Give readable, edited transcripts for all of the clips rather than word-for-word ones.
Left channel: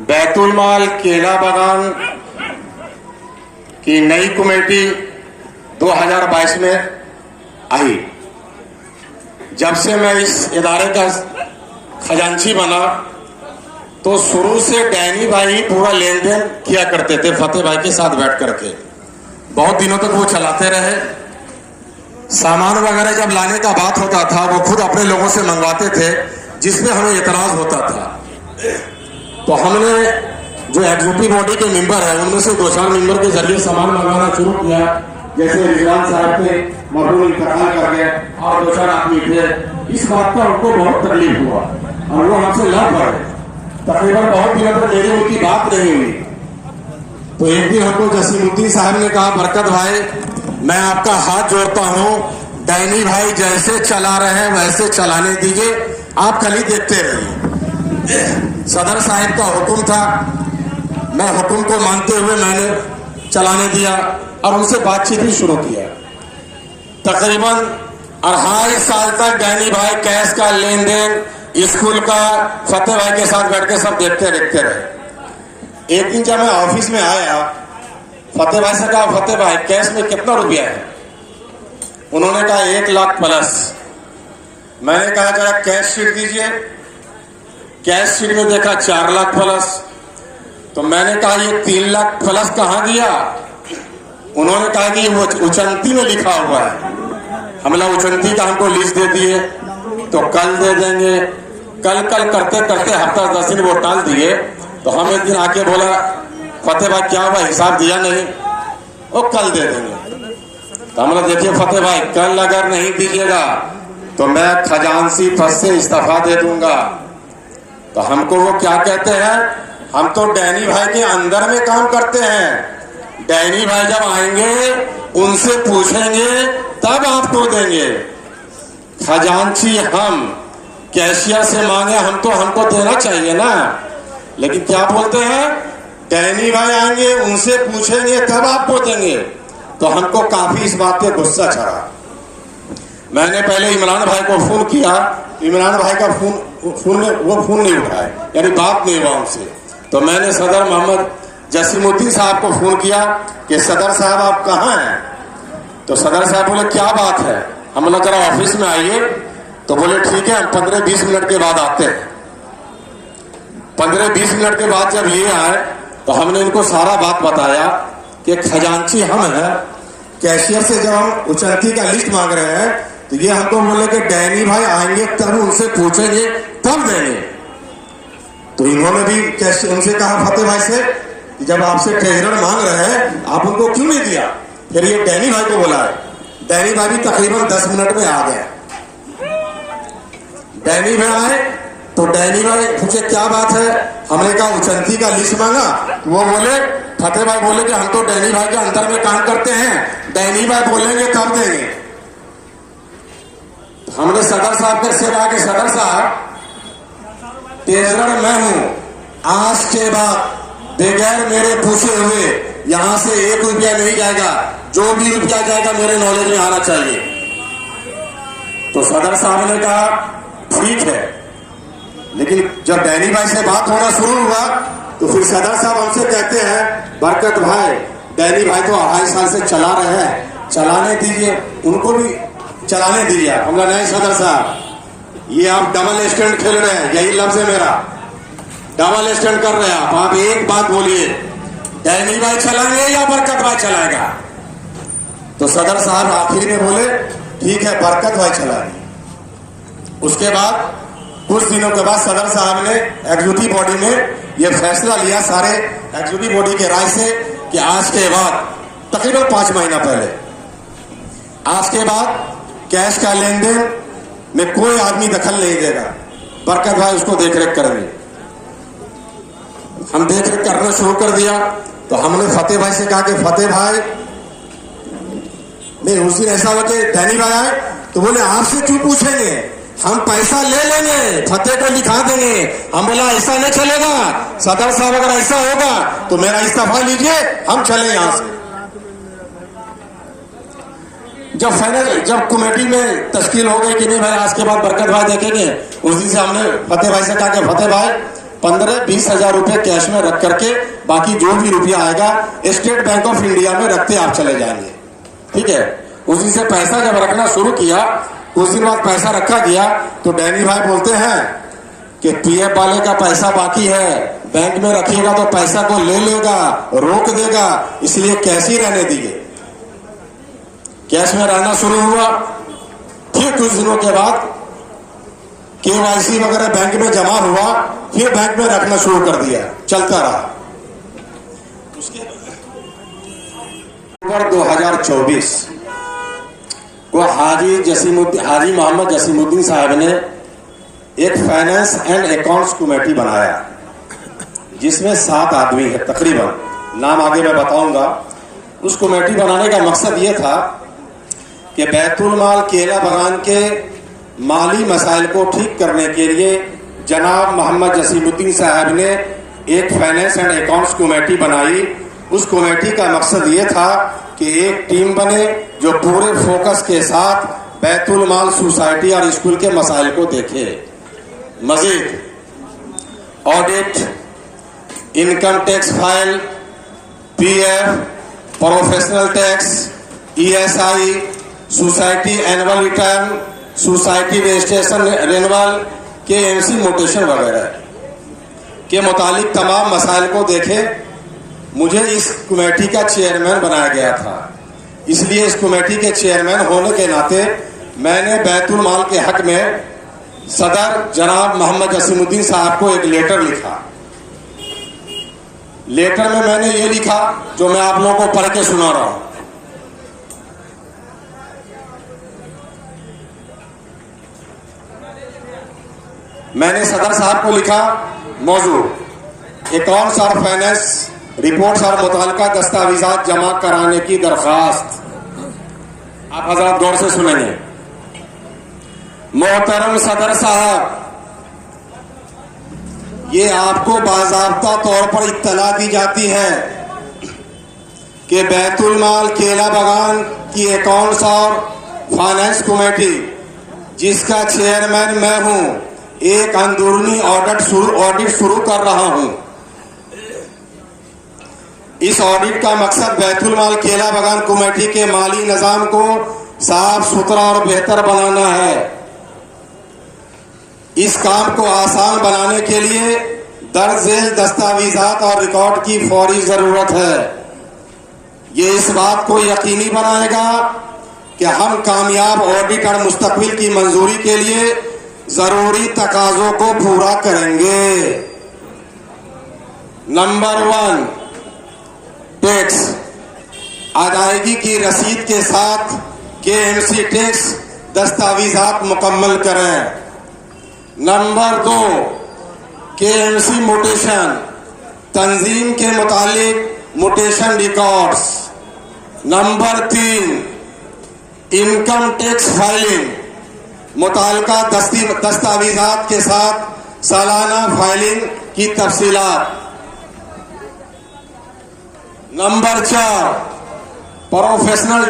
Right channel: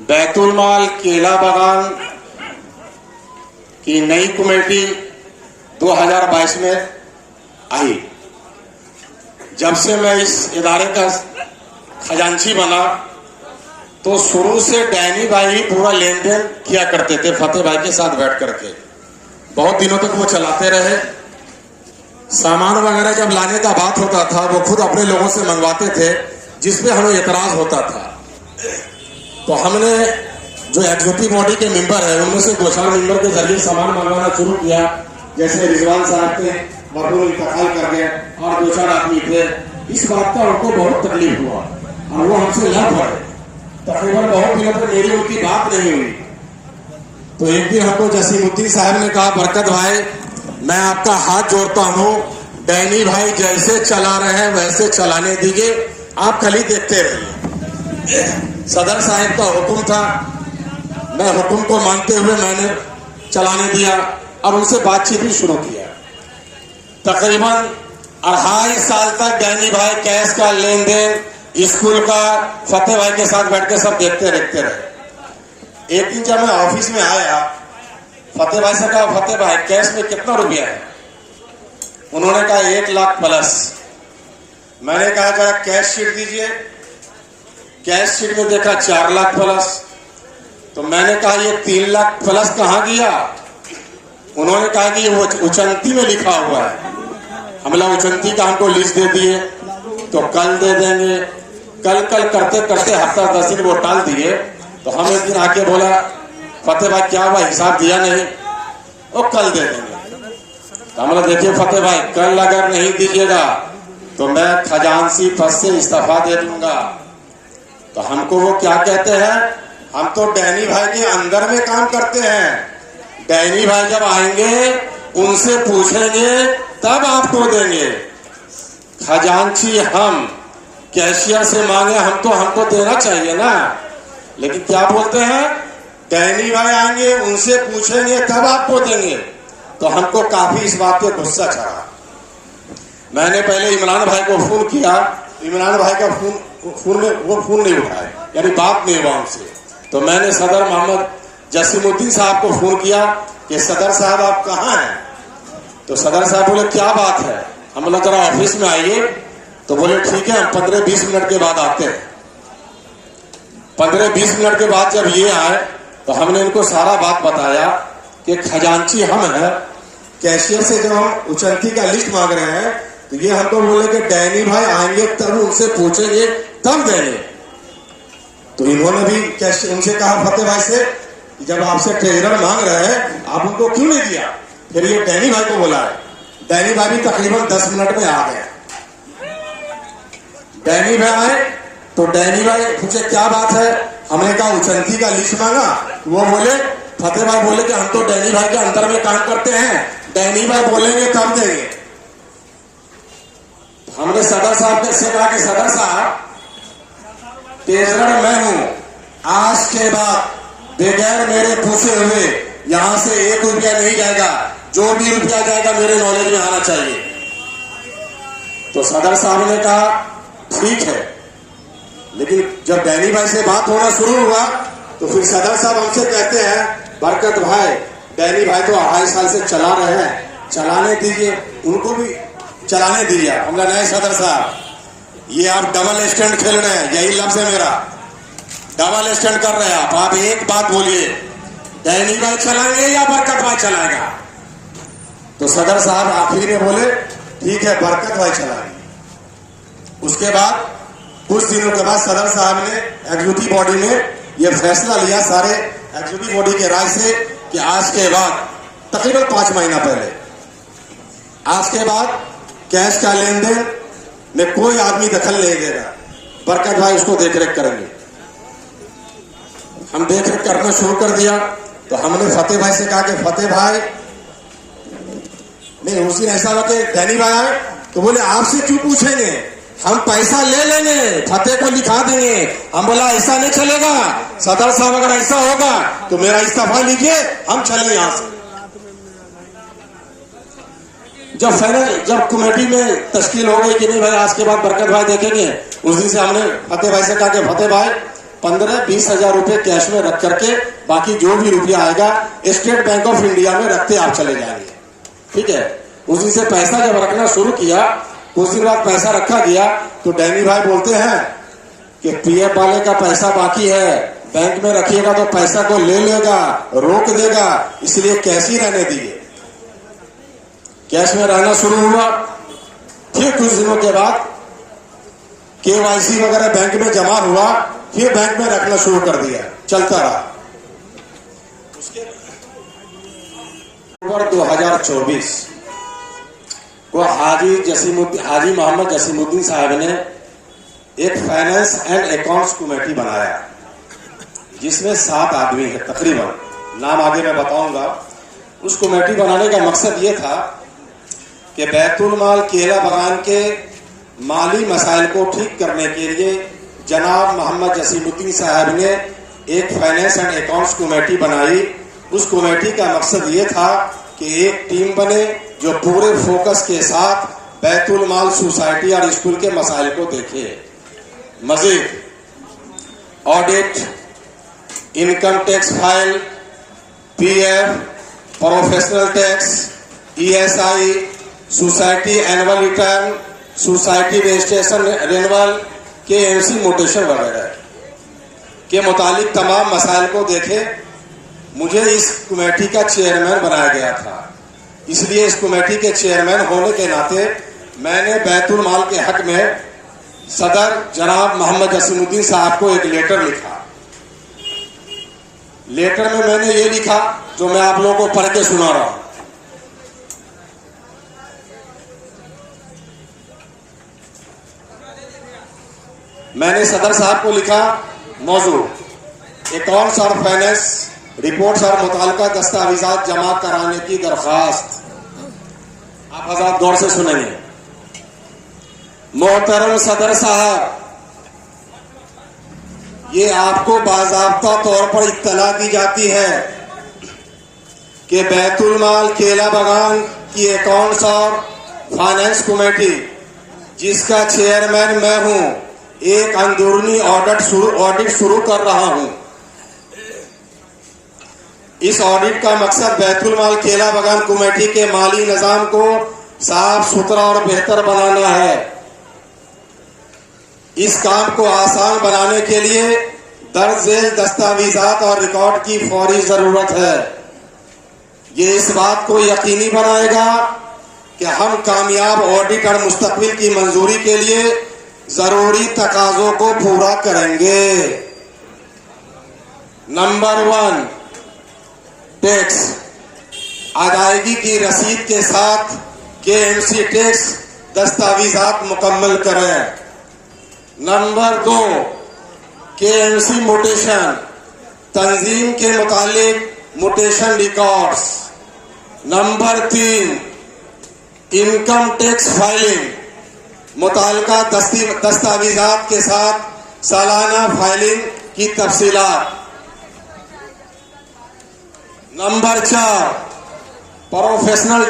बैतुल माल केला बागान की नई कमेटी 2022 में आई। जब से मैं इस इदारे का खजांची बना तो शुरू से डैनी भाई पूरा लेन देन किया करते थे फतेह भाई के साथ बैठ करके। बहुत दिनों तक वो चलाते रहे। सामान वगैरह जब लाने का बात होता था वो खुद अपने लोगों से मंगवाते थे, जिसमें हमें इतराज होता था। तो हमने जो एग्जीक्यूटिव बॉडी के मेंबर है उनमें से 2-4 मेंबर के जरिए सामान मंगवाना शुरू किया। जैसे रिजवान साहब थे, मरहूम इंतकाल कर गए और 2-4 आदमी थे। इस बात का उनको बहुत तकलीफ हुआ और वो हमसे लड़ पड़े। तकरीबन बहुत दिनों तक मेरी उनकी बात नहीं हुई। तो एक दिन हमको जसीमुद्दीन साहब ने कहा, बरकत भाई मैं आपका हाथ जोड़ता हूं, डैनी भाई जैसे चला रहे हैं वैसे चलाने दीजिए, आप खाली देखते रहिए। सदर साहब का हुक्म था, मैं हुक्म को मानते हुए मैंने चलाने दिया और उनसे बातचीत भी शुरू किया। तकरीबन 2.5 साल तक डैनी भाई कैश का लेन देन स्कूल का फतेह भाई के साथ बैठ के सब देखते रहे। एक दिन जब मैं ऑफिस में आया, फतेह भाई से कहा, फतेह भाई कैश में कितना रुपया है? उन्होंने कहा 1 लाख प्लस। मैंने कहा जरा कैश शीट दीजिए। कैश शीट में देखा 4 लाख प्लस। तो मैंने कहा ये 3 लाख प्लस कहाँ गया? उन्होंने कहा कि वो उचंती में लिखा हुआ है। हमला उचंती का हमको लिस्ट दे दिए तो कल दे देंगे। कल करते करते हफ्ता 10 दिन वो टाल दिए। तो हम एक दिन आके बोला, फतेह भाई क्या हुआ, हिसाब दिया नहीं? वो कल दे देंगे। तो हमने देखिए फतेह भाई कल अगर नहीं दीजिएगा तो मैं खजांची पद से इस्तीफा दे दूंगा। तो हमको वो क्या कहते हैं, हम तो डैनी भाई के अंदर में काम करते हैं। डैनी भाई जब आएंगे उनसे पूछेंगे तब आपको देंगे। खजांची हम कैशियर से मांगे हम तो हमको देना चाहिए ना। लेकिन क्या बोलते हैं, डैनी भाई आएंगे उनसे पूछेंगे तब आपको देंगे। तो हमको काफी इस बात पे गुस्सा चढ़ा। मैंने पहले इमरान भाई को फोन किया। इमरान भाई का फोन नहीं उठाए, यानी बात नहीं हुआ उनसे। तो मैंने सदर मोहम्मद जसीमुद्दीन साहब को फोन किया कि सदर साहब आप कहाँ हैं? तो सदर साहब बोले क्या बात है? हम बोला जरा ऑफिस में आइए। तो बोले ठीक है, 15-20 मिनट के बाद आते हैं। 15-20 मिनट के बाद जब ये आए तो हमने इनको सारा बात बताया कि खजांची हम है। कैशियर से जब हम उचरती का लिस्ट मांग रहे हैं तो ये हमको बोले कि डैनी भाई आएंगे तब उनसे पूछेंगे तब देंगे। तो इन्होंने भी उनसे कहा फतेह भाई से कि जब आपसे ट्रेजरर मांग रहे हैं आप उनको क्यों नहीं दिया? फिर ये डैनी भाई को बोला है। डैनी भाई भी तकरीबन 10 मिनट में आ गए। डैनी भाई आए तो डैनी भाई पूछे क्या बात है? हमने कहा उचंती का लिस्ट मांगा। वो बोले, फतेह भाई बोले कि हम तो डैनी भाई के अंतर में काम करते हैं, डैनी भाई बोलेंगे तब देंगे। हमने सदर साहब से कहा कि सदर साहब ट्रेजरर मैं हूं, आज के बाद बगैर मेरे पूछे हुए यहां से 1 रुपया नहीं जाएगा। जो भी रुपया जाएगा मेरे नॉलेज में आना चाहिए। तो सदर साहब ने कहा ठीक है। लेकिन जब डैनी भाई से बात होना शुरू हुआ तो फिर सदर साहब हमसे कहते हैं, बरकत भाई डैनी भाई तो 2.5 साल से चला रहे हैं, चलाने दीजिए, उनको भी चलाने दीजिए। हम नहीं सदर साहब, ये आप डबल स्टैंड खेल रहे हैं, यही लफ्ज है मेरा, डबल स्टैंड कर रहे हैं आप एक बात बोलिए, डैनी भाई चलाएंगे या बरकत भाई चलाएगा? तो सदर साहब आखिर में बोले ठीक है बरकत भाई चलाएंगे। उसके बाद कुछ दिनों के बाद सदर साहब ने एग्जीक्यूटिव बॉडी में यह फैसला लिया, सारे एग्जीक्यूटिव बॉडी के राय से, कि आज के बाद तकरीबन 5 महीना पहले, आज के बाद कैश का लेन देन में कोई आदमी दखल नहीं देगा। बरकत भाई उसको देखरेख करेंगे। हम देखरेख करना शुरू कर दिया। तो हमने फतेह भाई से कहा कि फतेह भाई नहीं, उसी ऐसा हुआ कि डैनी भाई आए तो बोले आपसे क्यों पूछेंगे, हम पैसा ले लेंगे, फतेह को लिखा देंगे। हम बोला ऐसा नहीं चलेगा सदर साहब, अगर ऐसा होगा तो मेरा इस्तीफा लीजिए, हम चले यहां से। जब फाइनल जब कमेटी में तश्कील हो गई कि नहीं भाई आज के बाद बरकत भाई देखेंगे, उस दिन से हमने फतेह भाई से कहा कि फतेह भाई 15-20 हजार रुपए कैश में रख करके बाकी जो भी रुपया आएगा स्टेट बैंक ऑफ इंडिया में रखते आप चले जाएंगे। ठीक है, उसी से पैसा जब रखना शुरू किया, कुछ दिन बाद पैसा रखा गया तो डैनी भाई बोलते हैं कि पीएफ वाले का पैसा बाकी है, बैंक में रखिएगा तो पैसा को ले लेगा, रोक देगा, इसलिए कैश ही रहने दिए। कैश में रहना शुरू हुआ। फिर कुछ दिनों के बाद केवाईसी वगैरह बैंक में जमा हुआ, फिर बैंक में रखना शुरू कर दिया, चलता रहा। उसके अक्टूबर 2024 को हाजी मोहम्मद जसीमुद्दीन साहब ने एक फाइनेंस एंड अकाउंट्स कमेटी बनाया, जिसमें 7 आदमी है तकरीबन, नाम आगे मैं बताऊंगा। उस कमेटी बनाने का मकसद ये था कि बैतुल माल केला बगान के माली मसाइल को ठीक करने के लिए जनाब मोहम्मद जसीमुद्दीन साहब ने एक फाइनेंस एंड अकाउंट्स कमेटी बनाई। उस कमेटी का मकसद ये था कि एक टीम बने जो पूरे फोकस के साथ बैतुल माल सोसाइटी और स्कूल के मसाइल को देखे। मजीद audit, income tax file, PF, professional tax, ESI, society annual return, society registration renewal के एमसी मोटेशन वगैरह के मुतालिक तमाम मसाइल को देखे। मुझे इस कमेटी का चेयरमैन बनाया गया था, इसलिए इस कमेटी के चेयरमैन होने के नाते मैंने बैतुल माल के हक में सदर जनाब मोहम्मद जसीमुद्दीन साहब को एक लेटर लिखा। लेटर में मैंने ये लिखा जो मैं आप लोगों को पढ़ के सुना रहा हूं। मैंने सदर साहब को लिखा, मौजू अकाउंट्स और फाइनेंस रिपोर्ट्स और मुताल्लिका दस्तावेजात जमा कराने की दरख्वास्त। आप हज़रात गौर से सुनेंगे। मोहतरम सदर साहब, ये आपको बाज़ाब्ता तौर पर इत्तला दी जाती है कि बैतुल माल केला बगान की अकाउंट्स और फाइनेंस कमेटी, जिसका चेयरमैन मैं हूं, एक अंदरूनी ऑडिट शुरू कर रहा हूं। इस ऑडिट का मकसद बैतुल माल केला बगान कमेटी के माली निजाम को साफ सुथरा और बेहतर बनाना है। इस काम को आसान बनाने के लिए दर्ज झेल दस्तावेजात और रिकॉर्ड की फौरी जरूरत है। ये इस बात को यकीनी बनाएगा कि हम कामयाब ऑडिट और मुस्तकबिल की मंजूरी के लिए जरूरी तकाजों को पूरा करेंगे। नंबर 1, टैक्स अदायगी की रसीद के साथ केएमसी टैक्स दस्तावेजात मुकम्मल करें। नंबर 2, केएमसी मोटेशन, तंजीम के मुतालिक mutation records. Number 3, income tax filing, मुताल्लिका दस्तावेजात के साथ सालाना फाइलिंग की तफसीलात। नंबर 4, प्रोफेशनल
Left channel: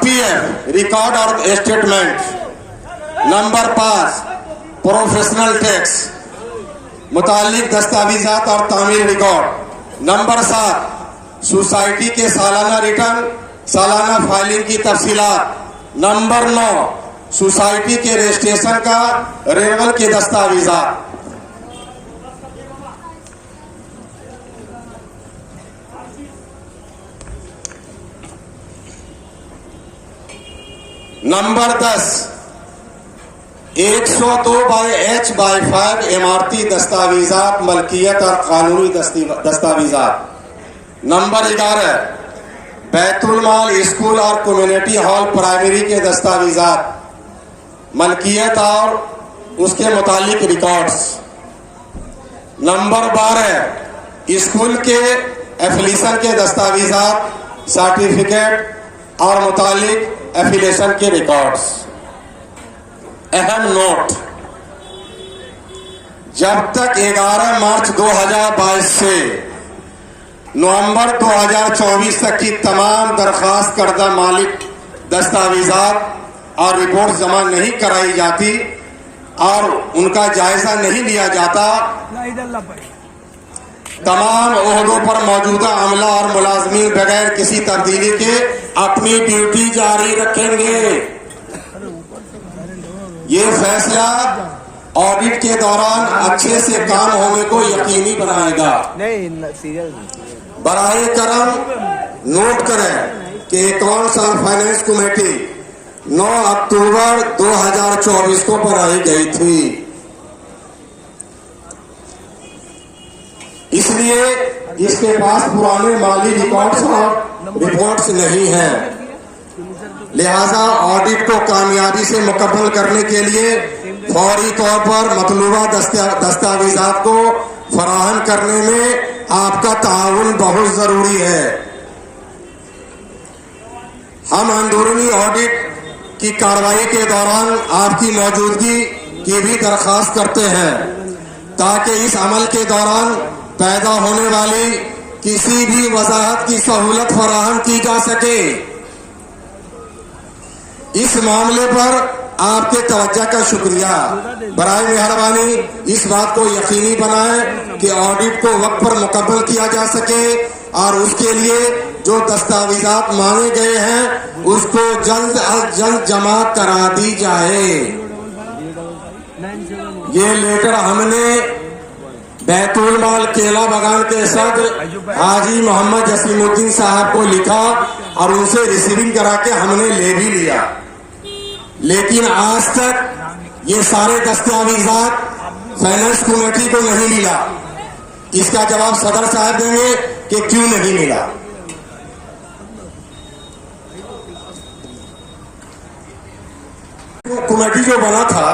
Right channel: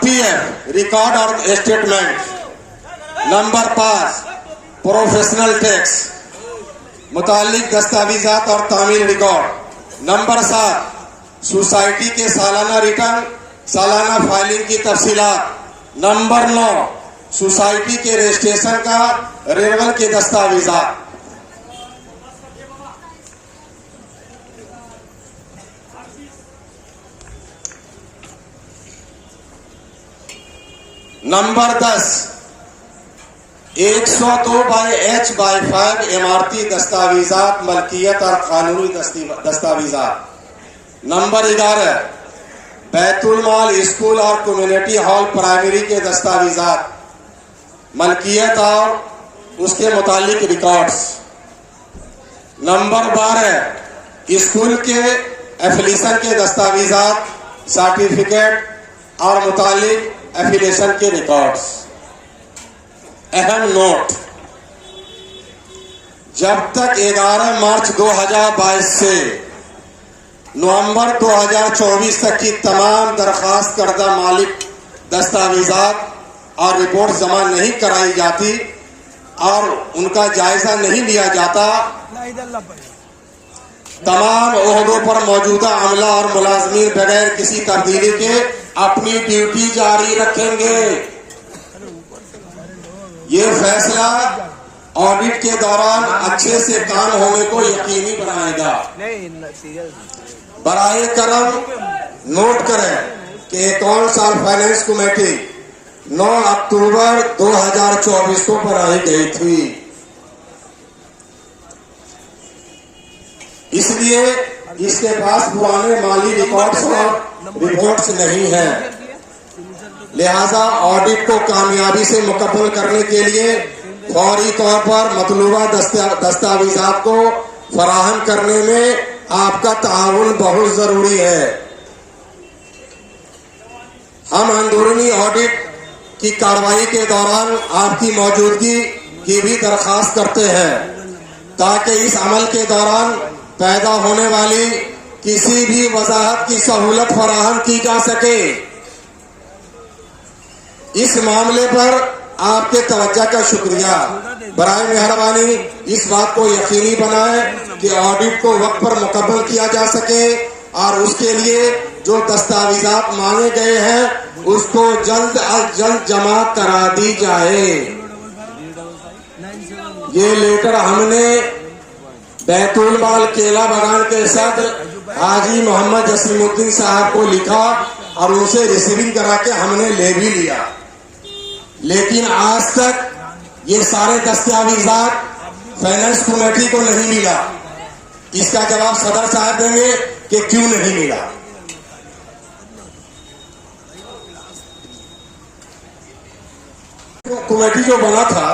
पीएफ रिकॉर्ड और स्टेटमेंट। नंबर 5, प्रोफेशनल टैक्स, मुताल्लिक दस्तावेजात और तामीर रिकॉर्ड। नंबर 7, सोसाइटी के सालाना रिटर्न, सालाना फाइलिंग की तफसीलात। नंबर 9, सोसाइटी के रजिस्ट्रेशन का रिन्यूअल के दस्तावेजात। नंबर 10, 102/H/5 इमारती दस्तावेजात, मलकियत और कानूनी दस्तावेजात। नंबर 11, बैतुल माल स्कूल और कम्युनिटी हॉल प्राइमरी के दस्तावेजात, मलकियत और उसके मुतालिक रिकॉर्ड्स। नंबर 12, स्कूल के एफिलिएशन के दस्तावेजात, सर्टिफिकेट और मुतालिक एफिलिएशन के रिकॉर्ड्स। अहम नोट, जब तक 11 मार्च 2022 से नवंबर 2024 तक की तमाम दरखास्त करदा मालिक दस्तावेजात और रिपोर्ट जमा नहीं कराई जाती, और उनका जायजा नहीं लिया जाता, तमाम ओहदों पर मौजूदा अमला और मुलाजमीन बगैर किसी तब्दीली के अपनी ड्यूटी जारी रखेंगे। ये फैसला ऑडिट के दौरान अच्छे से काम होने को यकीनी बनाएगा। बराए करम नोट करें कि अकाउंट्स और फाइनेंस कमेटी 9 अक्टूबर 2024 को बनाई गई थी, इसलिए इसके पास पुराने माली रिकॉर्ड्स और रिपोर्ट्स नहीं है। लिहाजा ऑडिट को कामयाबी से मुकम्मल करने के लिए फौरी तौर पर मतलूबा दस्तावेजात को फराहम करने में आपका ताउन बहुत जरूरी है। हम अंदरूनी ऑडिट की कार्रवाई के दौरान आपकी मौजूदगी की भी दरख्वास्त करते हैं ताकि इस अमल के दौरान पैदा होने वाली किसी भी वजाहत की सहूलत फराहम की जा सके। इस मामले पर आपके तवज्जो का शुक्रिया। बराए मेहरबानी इस बात को यकीनी बनाएं कि ऑडिट को वक्त पर मुकम्मल किया जा सके और उसके लिए जो दस्तावेजात मांगे गए हैं उसको जल्द अज जल्द जमा करा दी जाए। ये लेटर हमने बैतूल माल केला बागान के सदर हाजी मोहम्मद जसीमुद्दीन साहब को लिखा और उनसे रिसीविंग करा के हमने ले भी लिया, लेकिन आज तक ये सारे दस्तावेजात फाइनेंस कमेटी को नहीं मिला। इसका जवाब सदर साहब देंगे कि क्यों नहीं मिला। कमेटी जो बना था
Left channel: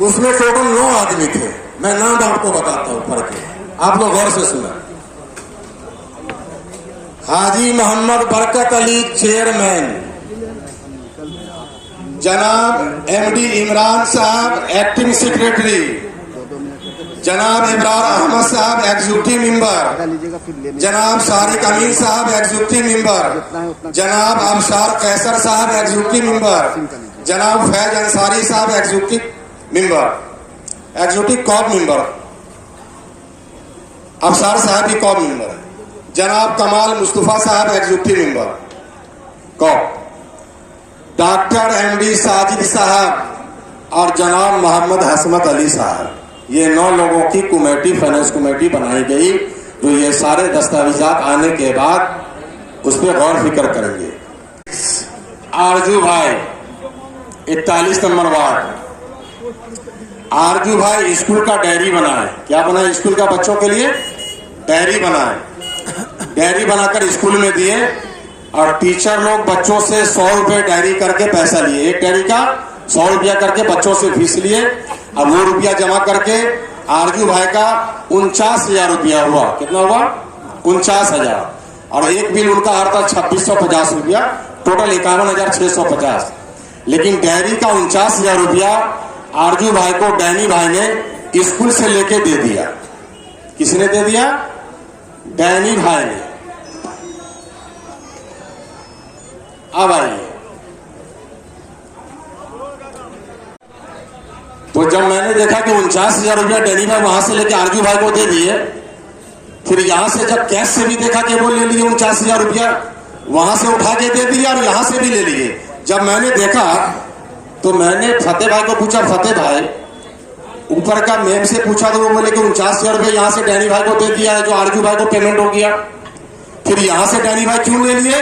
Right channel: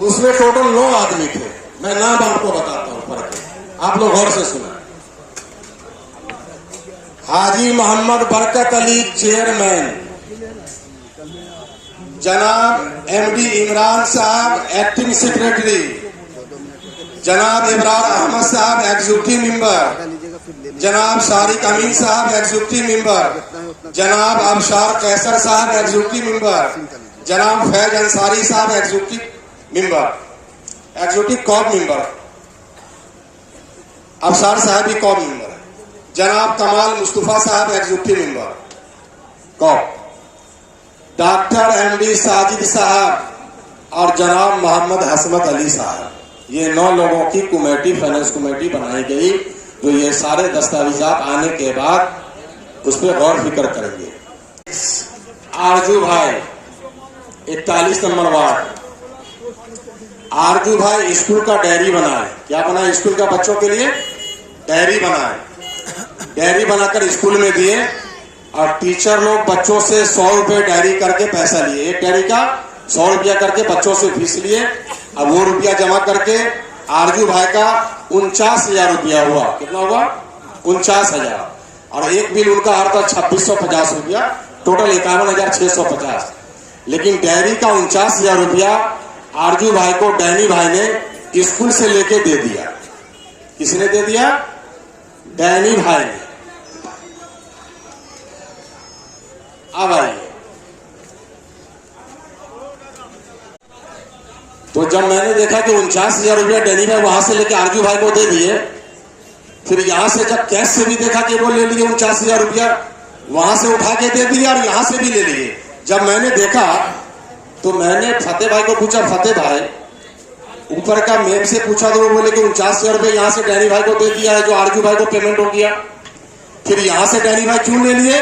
उसमें टोटल 9 आदमी थे। मैं नाम आपको बताता हूं पढ़ के, आप लोग गौर से सुना। हाजी मोहम्मद बरकत अली चेयरमैन, जनाब एमडी इमरान साहब एक्टिंग सेक्रेटरी, जनाब इमरान अहमद साहब एग्जीक्यूटिव मेंबर, जनाब सारिक अमीन साहब एग्जीक्यूटिव मेंबर, जनाब अबशार कैसर साहब एग्जीक्यूटिव मेंबर, जनाब फैज अंसारी साहब executive member, executive co-op member, Abshar साहब भी कॉप मेंबर, जनाब कमाल मुस्तफा साहब executive member co-op, doctor MD Sajid साहब और जनाब मोहम्मद हसमत अली साहब। ये 9 लोगों की कमेटी फाइनेंस कमेटी बनाई गई जो ये सारे दस्तावेजात आने के बाद उस पर गौर फिक्र करेंगे। आरजू भाई 41 नंबर वार्ड, आरजू भाई स्कूल का डायरी बनाए। क्या बनाए? स्कूल का बच्चों के लिए डायरी बनाए। डायरी बनाकर स्कूल में दिए और टीचर लोग बच्चों से 100 रुपए डायरी करके पैसा लिए। एक डायरी का 100 रुपया करके बच्चों से फीस लिए और वो रुपया जमा करके आरजू भाई का 49,000 रुपया हुआ। कितना हुआ? 49,000। और एक बिल उनका आ रहा था 2650 रुपया, टोटल 51,650। लेकिन डायरी का 49,000 रुपया आरजू भाई को डैनी भाई ने स्कूल से लेके दे दिया। किसने दे दिया? डैनी भाई ने। अब आइए, तो जब मैंने देखा कि 49,000 रुपया डैनी भाई वहां से लेके आरजू भाई को दे दिए, फिर यहां से जब कैश से भी देखा कि वो ले लिए 49,000 रुपया, वहां से उठा के दे दिया और यहां से भी ले लिए। जब मैंने देखा तो मैंने फतेह भाई को पूछा, फतेह भाई ऊपर का मेम से पूछा तो वो बोले कि 49,000 रुपये यहां से डैनी भाई को दे दिया है जो आरजू भाई को पेमेंट हो गया। फिर यहां से डैनी भाई क्यों ले लिए?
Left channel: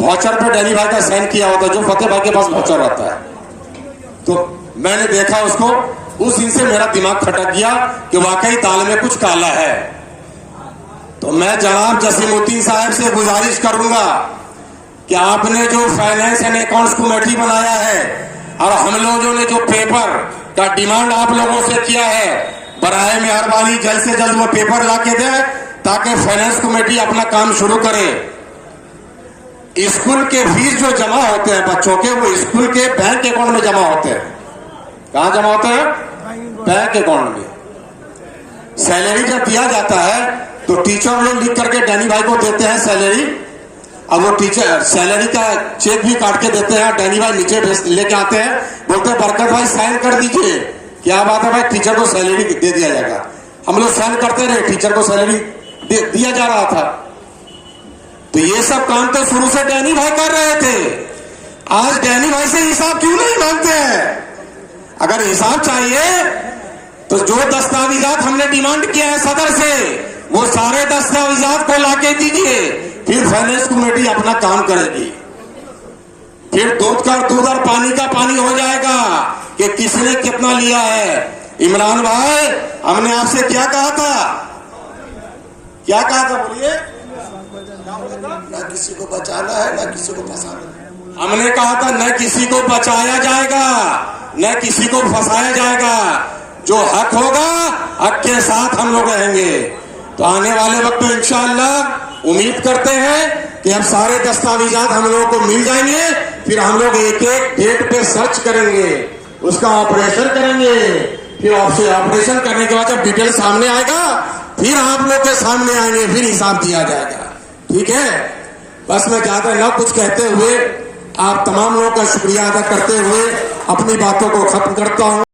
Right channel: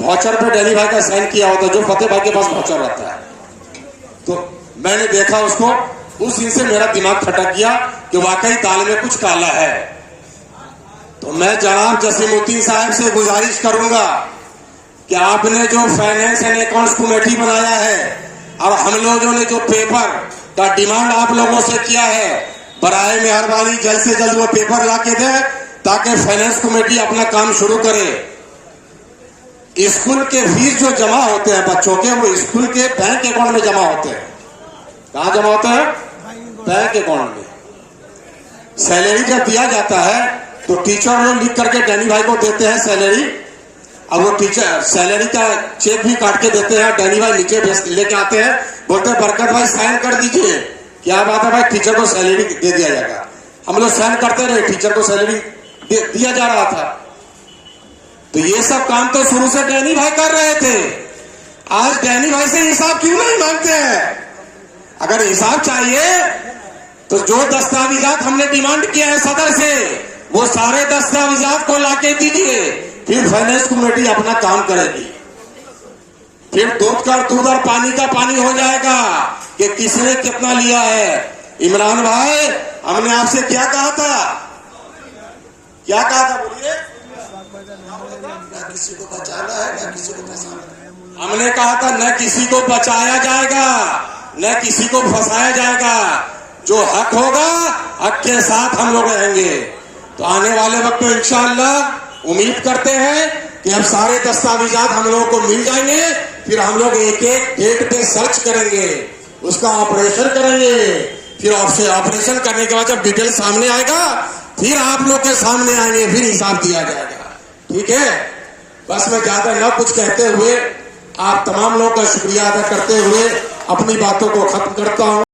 वाउचर पे डैनी भाई का साइन किया होता जो फतेह भाई के पास वाउचर रहता है। तो मैंने देखा उसको, उस दिन से मेरा दिमाग खटक गया कि वाकई दाल में कुछ काला है। तो मैं जनाब जसीमुद्दीन साहब से गुजारिश करूंगा कि आपने जो फाइनेंस एंड अकाउंट्स कमेटी बनाया है और हम लोगों ने जो पेपर का डिमांड आप लोगों से किया है, बराए मेहरबानी जल्द से जल्द वो पेपर ला के दे ताकि फाइनेंस कमेटी अपना काम शुरू करे। स्कूल के फीस जो जमा होते हैं बच्चों के, वो स्कूल के बैंक अकाउंट में जमा होते हैं। कहां जमा होते हैं? बैंक अकाउंट में। सैलरी जब दिया जाता है तो टीचर लोग लिख करके डैनी भाई को देते हैं सैलरी, और वो टीचर सैलरी का चेक भी काट के देते हैं। डैनी भाई नीचे लेके आते हैं, बोलते हैं बरकत भाई साइन कर दीजिए क्या बात है भाई, टीचर को सैलरी दे दिया जाएगा। हम लोग सहन करते रहे, टीचर को सैलरी दिया जा रहा था। तो ये सब काम तो शुरू से डैनी भाई कर रहे थे। आज डैनी भाई से हिसाब क्यों नहीं मांगते हैं? अगर हिसाब चाहिए तो जो दस्तावेजात हमने डिमांड किया है सदर से, वो सारे दस्तावेजात को लाके दीजिए, फिर फाइनेंस कमेटी अपना काम करेगी। फिर दूध और पानी का पानी हो जाएगा कि किसने कितना लिया है। इमरान भाई, हमने आपसे क्या कहा था? क्या कहा था बोलिए? न किसी को बचाना है, न किसी को फंसाना है। हमने कहा था न किसी को बचाया जाएगा, न किसी को फंसाया जाएगा। जो हक होगा, हक के साथ हम लोग रहेंगे। तो आने वाले वक्त में इंशाअल्लाह उम्मीद करते हैं कि अब सारे दस्तावेजात हम लोगों को मिल जाएंगे। फिर हम लोग एक एक डेट पे सर्च करेंगे, उसका ऑपरेशन करेंगे। फिर आपसे ऑपरेशन करने के बाद जब डिटेल सामने आएगा, फिर आप लोग के सामने आएंगे, फिर हिसाब दिया जाएगा। ठीक है? बस मैं ज्यादा न कुछ कहते हुए आप तमाम लोगों का शुक्रिया अदा करते हुए अपनी बातों को खत्म करता हूं।